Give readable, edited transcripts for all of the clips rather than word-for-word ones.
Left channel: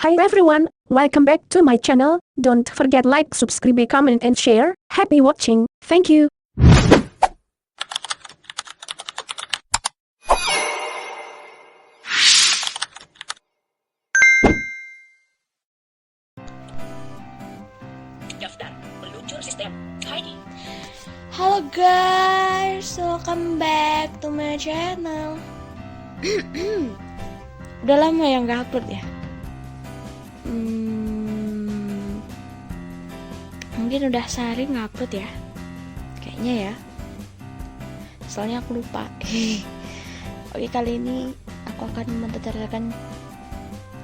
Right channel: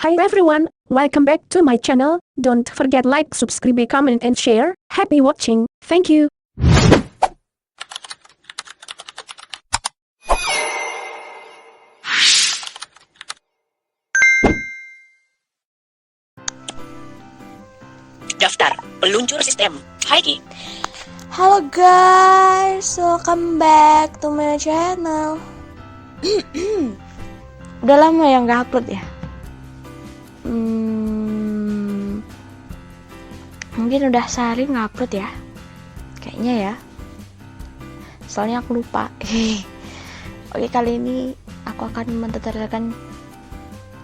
Hi everyone, welcome back to my channel. Don't forget like, subscribe, comment and share. Happy watching. Thank you. Daftar peluncur sistem. Hai Ki. Halo guys, welcome back to my channel. Udah lama ya nggak upload ya. Mungkin udah sehari nggak upload ya. Kayaknya ya. Soalnya aku lupa. Oke, kali ini aku akan mentutorialkan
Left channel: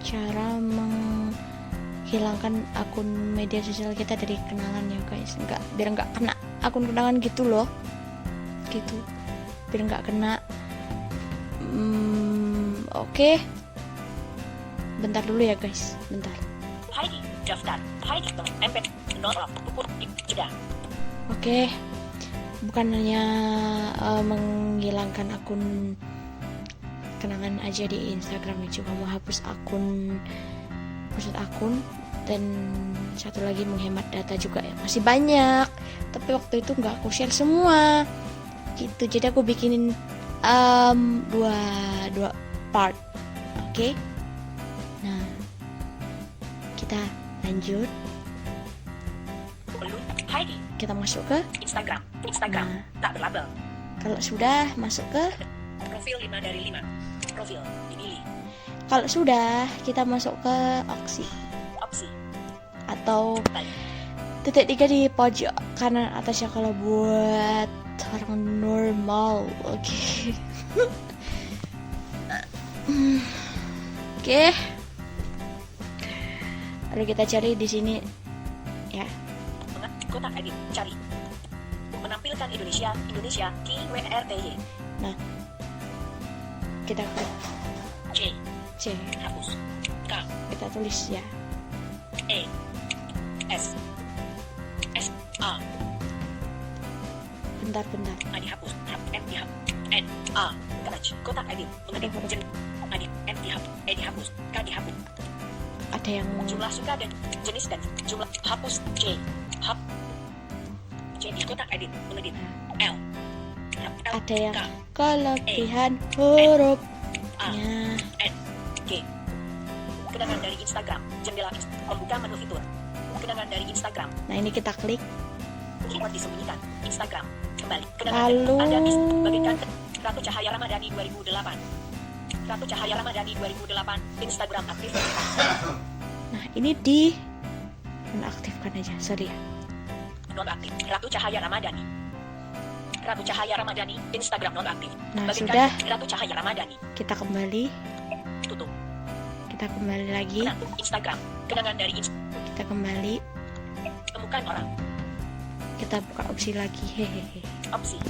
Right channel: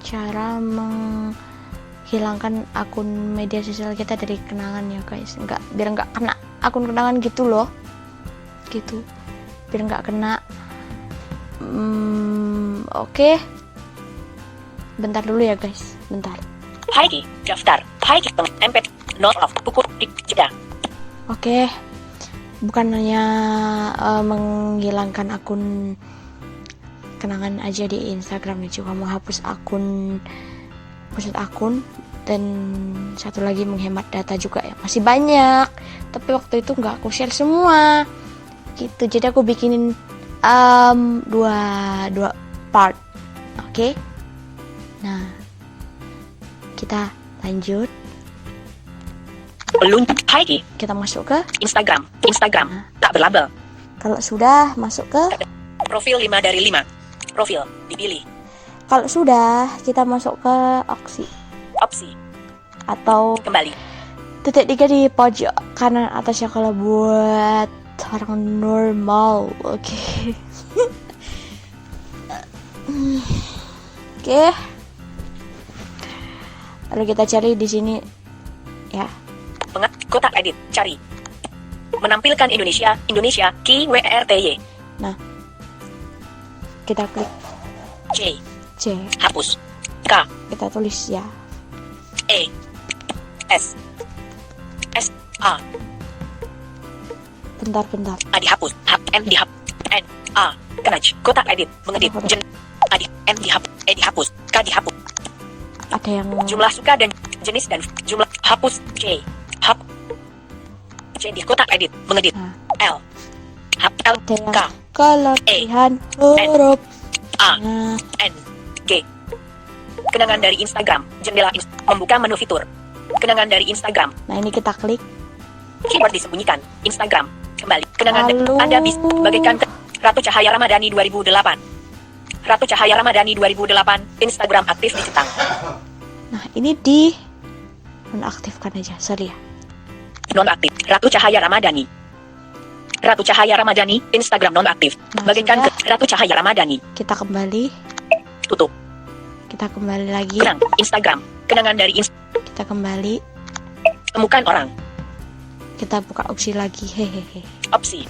cara menghilangkan akun media sosial kita dari kenangan ya guys. Biar nggak kena akun kenangan gitu loh, gitu, biar nggak kena. Oke, bentar dulu ya guys, bentar. Hai Ki. Daftar. Hai Ki. Empet. Not of. Pukul. Jeda. Oke, bukan hanya menghilangkan akun kenangan aja di Instagram ya, juga mau hapus akun dan satu lagi menghemat data juga ya. Masih banyak, tapi waktu itu nggak aku share semua gitu, jadi aku bikinin dua part. Oke. Nah, kita lanjut. Peluncur. Hai Ki. Kita masuk ke Instagram. Nah. Tak berlabel. Kalau sudah masuk ke Profil 5 dari 5. Profil dipilih. Kalau sudah, kita masuk ke Opsi. atau Kembali. titik 3 di pojok kanan atas ya kalau buat orang normal. Oke. Oke. Lalu kita cari di sini ya. Kotak edit. Cari. Menampilkan Indonesia. Ki WRTY. Nah, kita klik C. C. Hapus. K. Kita tulis ya. E. S. A. Bentar. A dihapus. N dihapus. N. A. Kenaj. Kotak edit. Mengedit. Jen. A di. N dihapus. E dihapus. K dihapus. Ada yang Jumlah suka dan jenis dan jumlah. Hapus. C. C di kotak edit. Mengedit. L. L. ada yang K. kelebihan huruf. A. Nah, N. G. Kenangan dari Instagram. Jendela membuka menu fitur. Kenangan dari Instagram. nah ini kita klik. Keyboard disembunyikan. Instagram. Kembali. Kenangan Lalu Anda bisa bagaikan Ratu Cahaya Ramadhani 2008. Ratu Cahaya Ramadhani 2008. Instagram aktif dicentang. Nah, ini di nonaktifkan aja, sorry ya. Nonaktif. Ratu Cahaya Ramadhani. Ratu Cahaya Ramadhani. Instagram nonaktif. Nah, Bagaikan sudah. Ratu Cahaya Ramadhani. Kita kembali. Tutup. Kita kembali lagi. Kenang. Instagram. Kenangan dari Kita kembali. temukan orang. Kita buka opsi lagi. Hehehe. Opsi.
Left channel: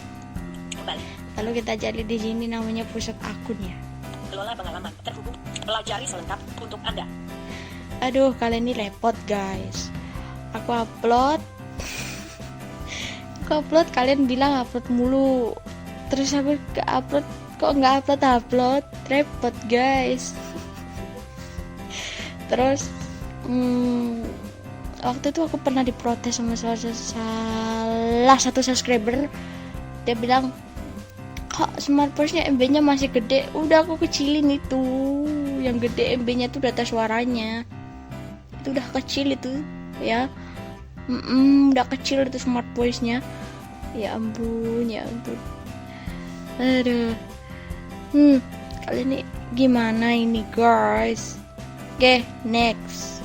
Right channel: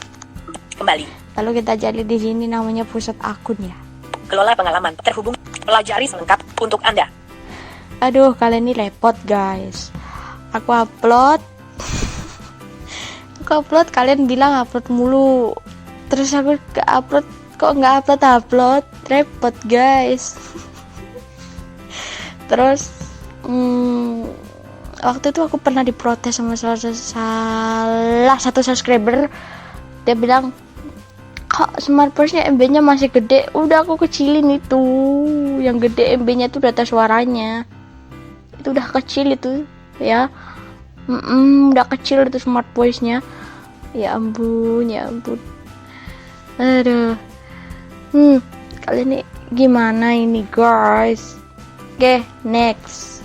Kembali. Lalu kita cari di sini namanya pusat akun ya. Kelola pengalaman. Terhubung. Pelajari selengkap untuk Anda. Aduh, kalian ini repot guys. Aku upload. Kalian bilang upload mulu. Terus aku ke upload, kok nggak upload. Repot guys. Terus waktu itu aku pernah diprotes sama salah satu subscriber. Dia bilang, kok smartphone-nya MB-nya masih gede. Udah aku kecilin itu. Yang gede MB-nya itu data suaranya. Itu udah kecil itu ya. Udah kecil itu smart voice-nya. Ya ampun. Aduh. Kali ini gimana ini guys? Oke, next.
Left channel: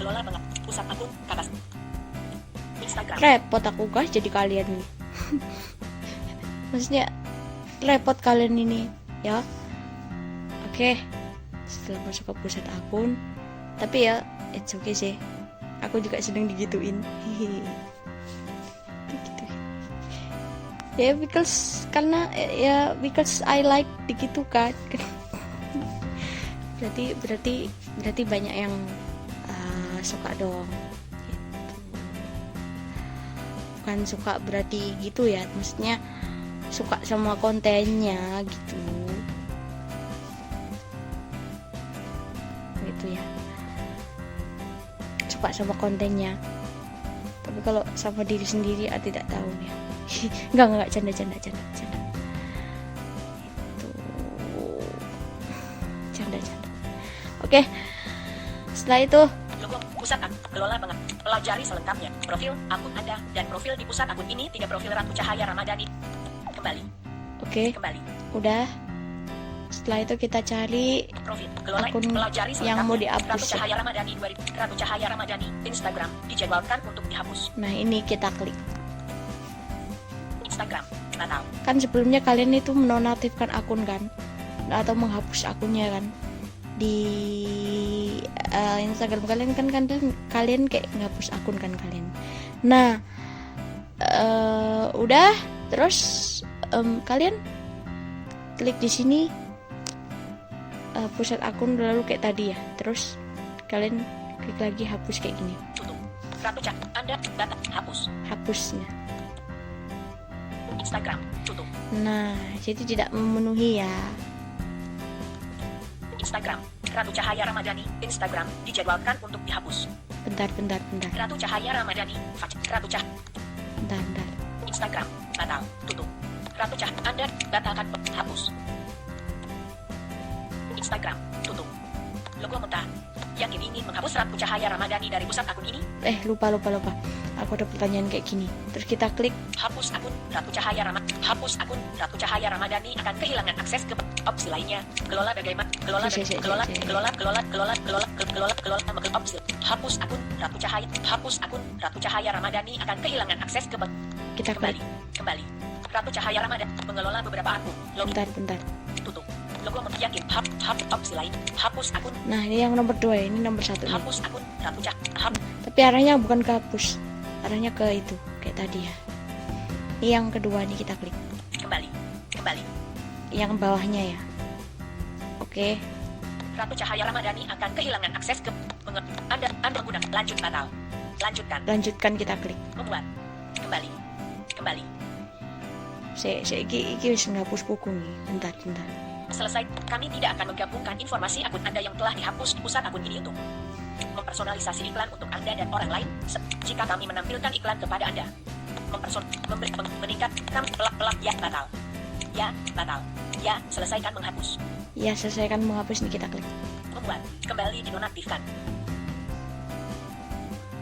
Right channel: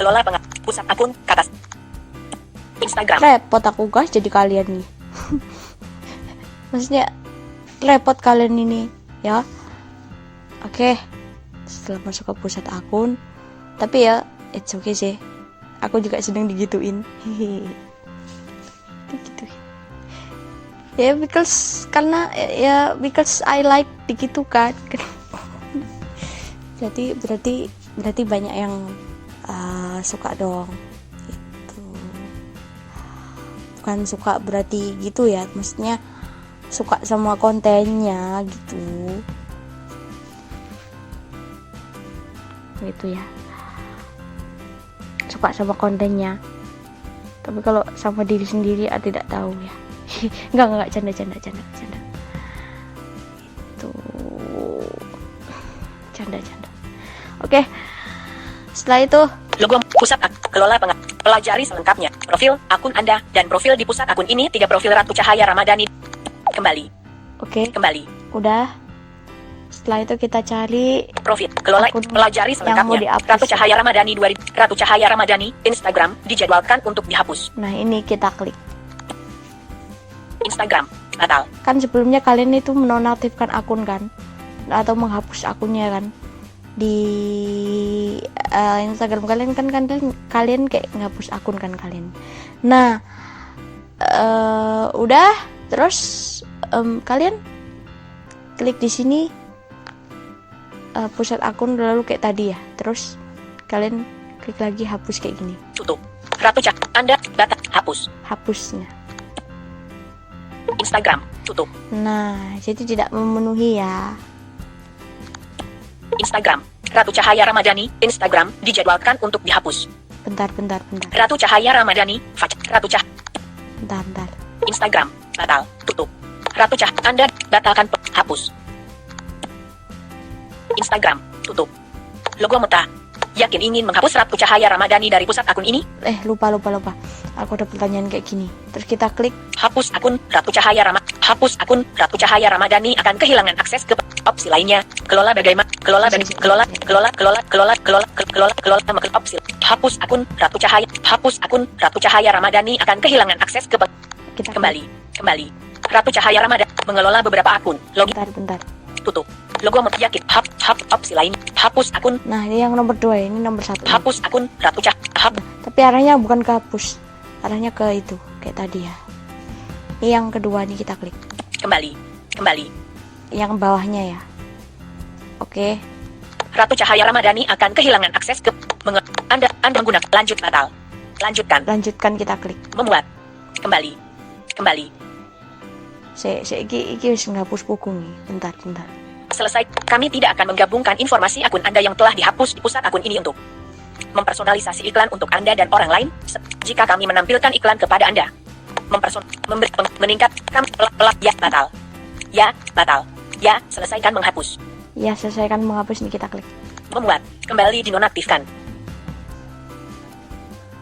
Kelola pusat akun ke atas. Instagram. Repot aku guys jadi kalian nih. Maksudnya repot kalian ini ya. Oke. Setelah masuk ke pusat akun, tapi ya it's okay sih. Aku juga sedang digituin. Digituin. Ya because I like digitu kan. berarti banyak yang suka dong. Gitu. Bukan suka berarti gitu ya, maksudnya suka sama kontennya gitu. gitu ya, suka sama kontennya. Tapi kalau sama diri sendiri tidak tahu ya. Enggak canda itu canda. Oke, setelah itu Logo pusat kelola pelajari selengkapnya. Profil akun Anda dan profil di pusat akun ini 3 profil Ratu Cahaya Ramadhani. Kembali. oke, Kembali. udah. Setelah itu kita cari Profil kelola akun pelajari yang mau selengkapnya. dihapus. Ratu Cahaya Ramadhani 2000. Ratu Cahaya Ramadhani Instagram dijadwalkan untuk dihapus. Nah, ini kita klik. Instagram batal. Kan sebelumnya kalian itu menonaktifkan akun kan, atau menghapus akunnya kan di Instagram kalian kan, kalian kayak menghapus akun kan kalian. Nah, udah, terus kalian klik di sini pusat akun, lalu kayak tadi ya, terus kalian klik lagi hapus kayak gini, Tutup. Ratu Cahaya Anda data hapus. hapusnya. Instagram tutup. Nah, jadi tidak memenuhi ya. Instagram Ratu Cahaya Ramadhani Instagram dijadwalkan untuk dihapus. Bentar. Ratu Cahaya Ramadhani Ratu Cahaya Bentar. Instagram batal tutup. Ratu Cahaya Anda batalkan hapus. Instagram tutup. Logo Meta yakin ingin menghapus Ratu Cahaya Ramadhani dari pusat akun ini? Lupa. Aku ada pertanyaan kayak gini. Terus kita klik. Hapus akun Ratu Cahaya Ramadhani akan kehilangan akses ke opsi lainnya. Kelola bagaimana? Kelola opsi. Hapus akun Ratu Cahaya Ramadhani akan kehilangan akses ke Kita kembali. Ratu Cahaya Ramadhani mengelola beberapa akun. Login Bentar. tutup. Logo yakin opsi lain. Hapus akun. Nah, ini yang nomor 2, ini nomor 1. Hapus akun Ratu Cahaya. Tapi arahnya bukan ke hapus. Arahnya ke itu, kayak tadi ya. Ini yang kedua nih, kita klik. Kembali. Yang bawahnya ya. Oke. Ratu Cahaya Ramadhani akan kehilangan akses ke Anda menggunakan lanjut batal. Lanjutkan kita klik. Memuat. Kembali. Iki wis ngapus buku nih. Bentar. Selesai. Kami tidak akan menggabungkan informasi akun Anda yang telah dihapus di pusat akun ini untuk mempersonalisasi iklan untuk Anda dan orang lain. Jika kami menampilkan iklan kepada Anda, meningkat ya batal. Ya, selesaikan menghapus. Ya, selesaikan menghapus nih, kita klik. Memuat. Kembali dinonaktifkan.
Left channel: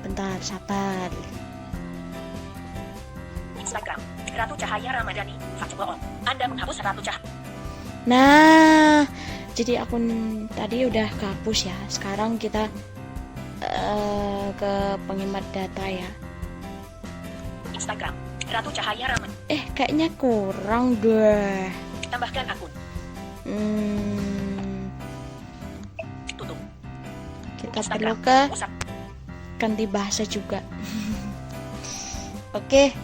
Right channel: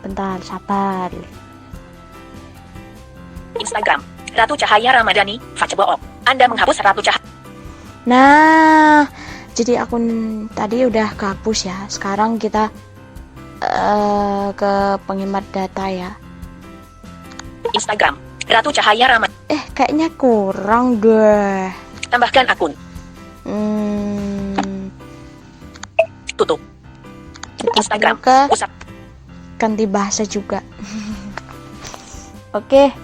Bentar, sabar. Instagram Ratu Cahaya Ramadhani bohong. Anda menghapus Ratu Cahaya. Nah, jadi akun tadi udah kehapus ya. Sekarang kita ke penghemat data ya. Instagram Ratu Cahaya Ramadhani. Kayaknya kurang deh. Tambahkan akun. Tutup. Kita Instagram perlu ke pusat. ganti bahasa juga. Oke.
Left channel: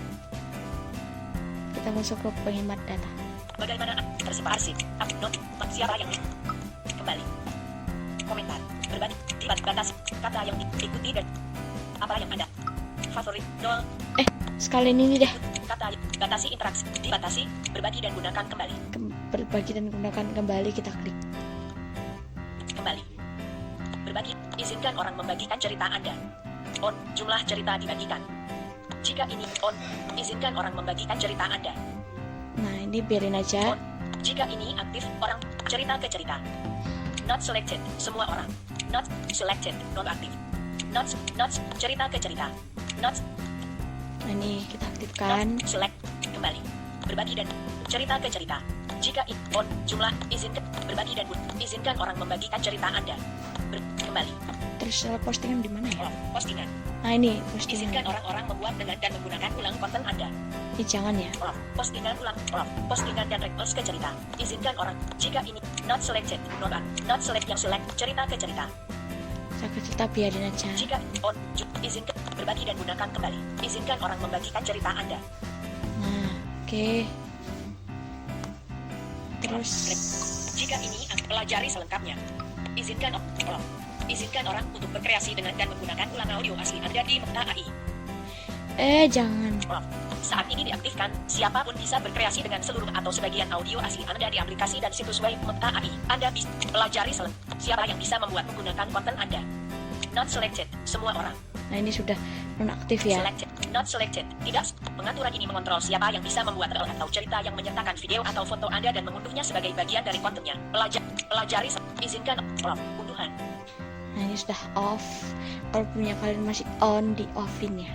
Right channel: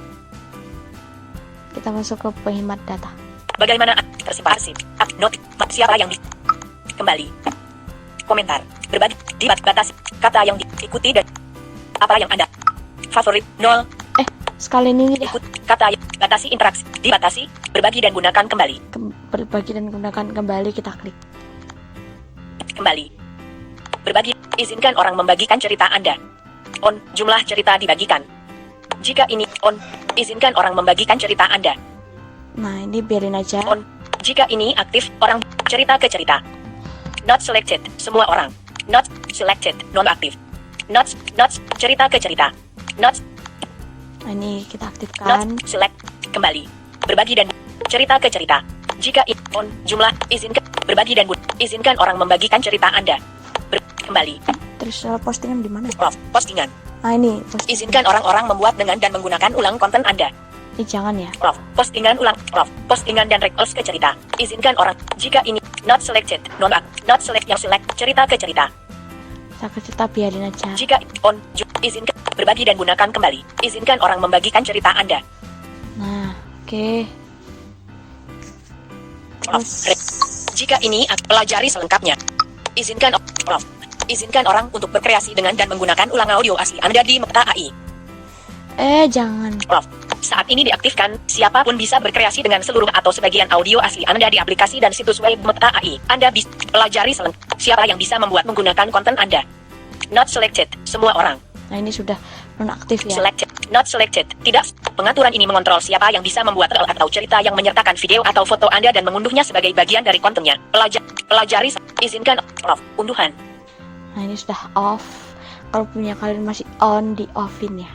Kita masuk ke penghemat data. Bagaimana tersebar notif siapa yang kembali komentar berbagi dibatasi kata yang diikuti dan apa yang Anda favorit 0 Sekali ini deh. ikut kata yang batasi interaksi dibatasi berbagi dan gunakan kembali Berbagi dan gunakan kembali, kita klik. kembali berbagi izinkan orang membagikan cerita Anda on jumlah cerita dibagikan jika ini on izinkan orang membagikan cerita Anda Nah, ini biarin aja. on jika ini aktif orang cerita ke cerita not selected semua orang not selected non aktif not cerita ke cerita not Nah, ini kita aktifkan. select kembali berbagi dan cerita ke cerita jika on jumlah izinkan berbagi dan izinkan orang membagikan cerita Anda kembali Terus postingan di mana ya? off postingan Nah, ini postingan. izinkan orang-orang membuat dengan dan menggunakan ulang konten Anda Jangan ya. off postingan ulang off postingan dan reels ke cerita izinkan orang jika ini not selected not select yang select cerita ke cerita Kita biarin aja. jika on izinkan berbagi dan gunakan kembali izinkan orang membagikan cerita Anda Nah, oke. Terus jika ini pelajari selengkapnya izinkan off izinkan orang untuk berkreasi dengan dan menggunakan ulang audio asli Anda di Meta AI jangan. off saat ini diaktifkan siapapun bisa berkreasi dengan seluruh atau sebagian audio asli Anda di aplikasi dan situs web Meta AI Anda bisa pelajari Siapa yang bisa membuat menggunakan konten Anda? Not selected. Semua orang. Nah, ini sudah nonaktif ya. Selected. Not selected. Tidak. Pengaturan ini mengontrol siapa yang bisa membuat reel atau cerita yang menyertakan video atau foto Anda dan mengunduhnya sebagai bagian dari kontennya. Pelajari. Izinkan off. Unduhan. Nah, ini sudah off. Kalau punya kalian masih on, di offin ya.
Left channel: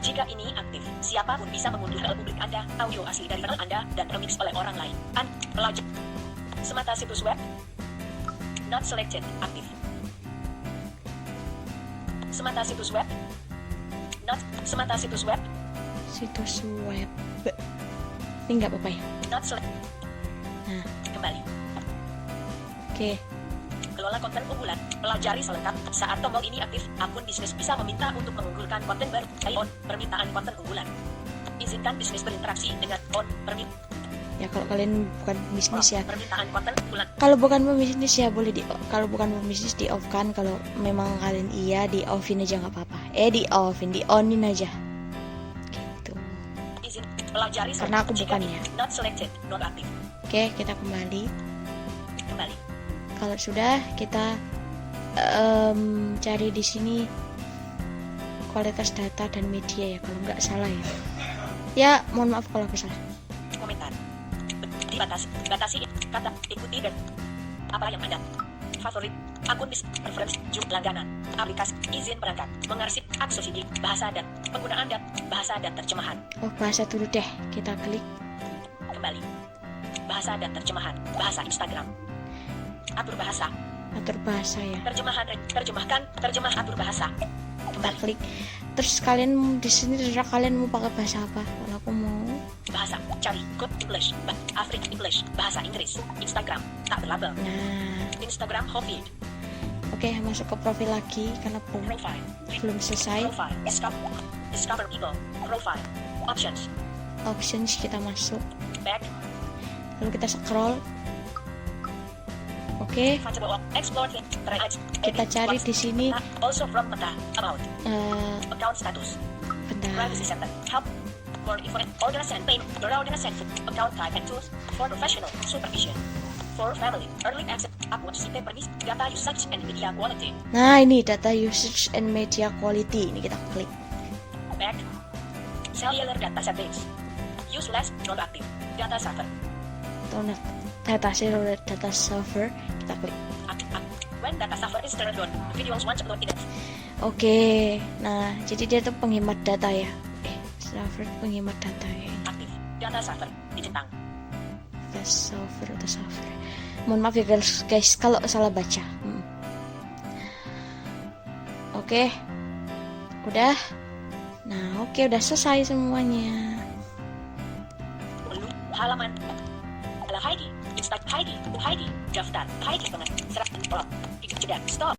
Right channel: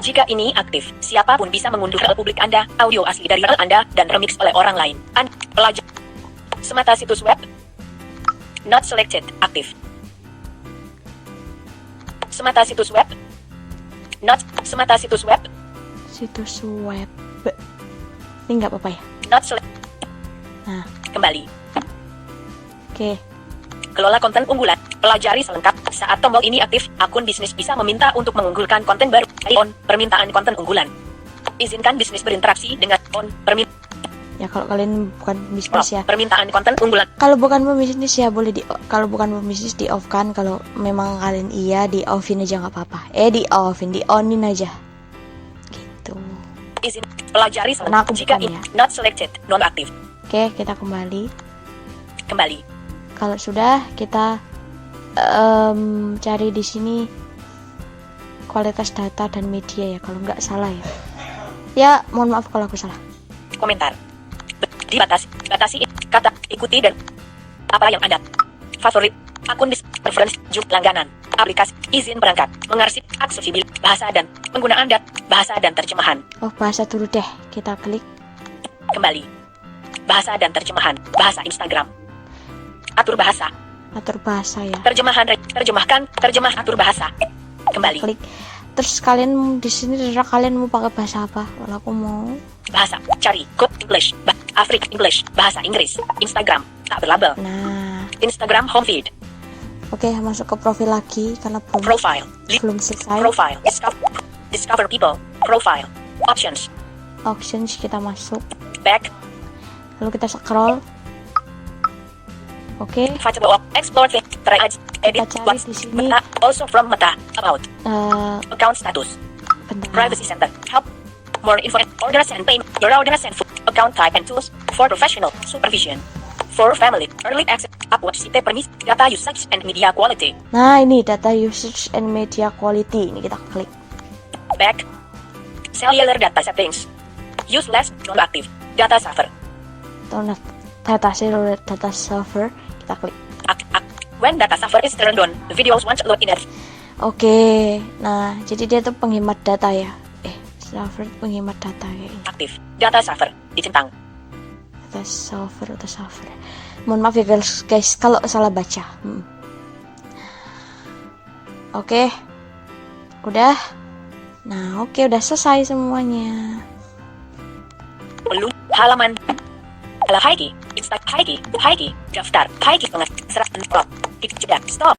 Jika ini aktif, siapapun bisa mengunduh reel publik Anda, audio asli dari reel Anda, dan remix oleh orang lain. Semata situs web. Not selected. Aktif. Semata situs web. Semata situs web. Situs web. Ini nggak apa-apa ya. Not selected. Nah, Kembali. oke. Kelola konten unggulan. Pelajari selengkap. Saat tombol ini aktif, akun bisnis bisa meminta untuk mengunggulkan konten baru. On. Permintaan konten unggulan. Izinkan bisnis berinteraksi dengan on. Ya kalau kalian bukan bisnis ya. Permintaan konten unggulan. Kalau bukan pembisnis ya boleh kalau bukan pembisnis di off kan. Kalau memang kalian iya di offin aja nggak apa-apa. Di offin, di onin aja. Gitu. Izin. Pelajari Karena aku jika bukan ini ya. not selected, non aktif. Oke, kita kembali. Kembali. Kalau sudah kita cari di sini kualitas data dan media ya kalau nggak salah ya. Ya, mohon maaf kalau aku salah. Komentar. Batasi kata ikuti dan apa yang Anda favorit akun preference langganan aplikasi izin berangkat mengarsip aksesibil bahasa dan penggunaan bahasa dan terjemahan. Oh, bahasa dulu deh. Kita klik. Kembali. Bahasa dan terjemahan bahasa Instagram. Atur bahasa. Atur bahasa ya. Terjemah atur bahasa. Kembali. Klik. Terus kalian di sini terserah kalian mau pakai bahasa apa. Kalau aku mau Bahasa cari code English Afrik English bahasa Inggris Instagram tak berlabel. nah, Instagram home feed oke, masuk ke profil lagi karena profile belum selesai. profile discover people profile options Options kita masuk. back Lalu kita scroll. Oke, Findable explore try edit cari what's di sini. Meta also from Meta about eh account status bentar. privacy center help more info orders and payment your orders and food account type and tools for professional supervision for family early access upload site permis data usage and media quality Nah, ini data usage and media quality. Ini kita klik. back cellular data settings use less non active data server Data server kita klik. when data server is turned on the videos won't load in it Oke, nah jadi dia tuh penghemat data ya. Server penghemat data kayaknya. aktif data server dicentang Data server. Mohon maaf ya guys kalau salah baca. Oke, udah. Nah, oke udah selesai semuanya. belum halaman Haiki daftar Haiki pengat serat stop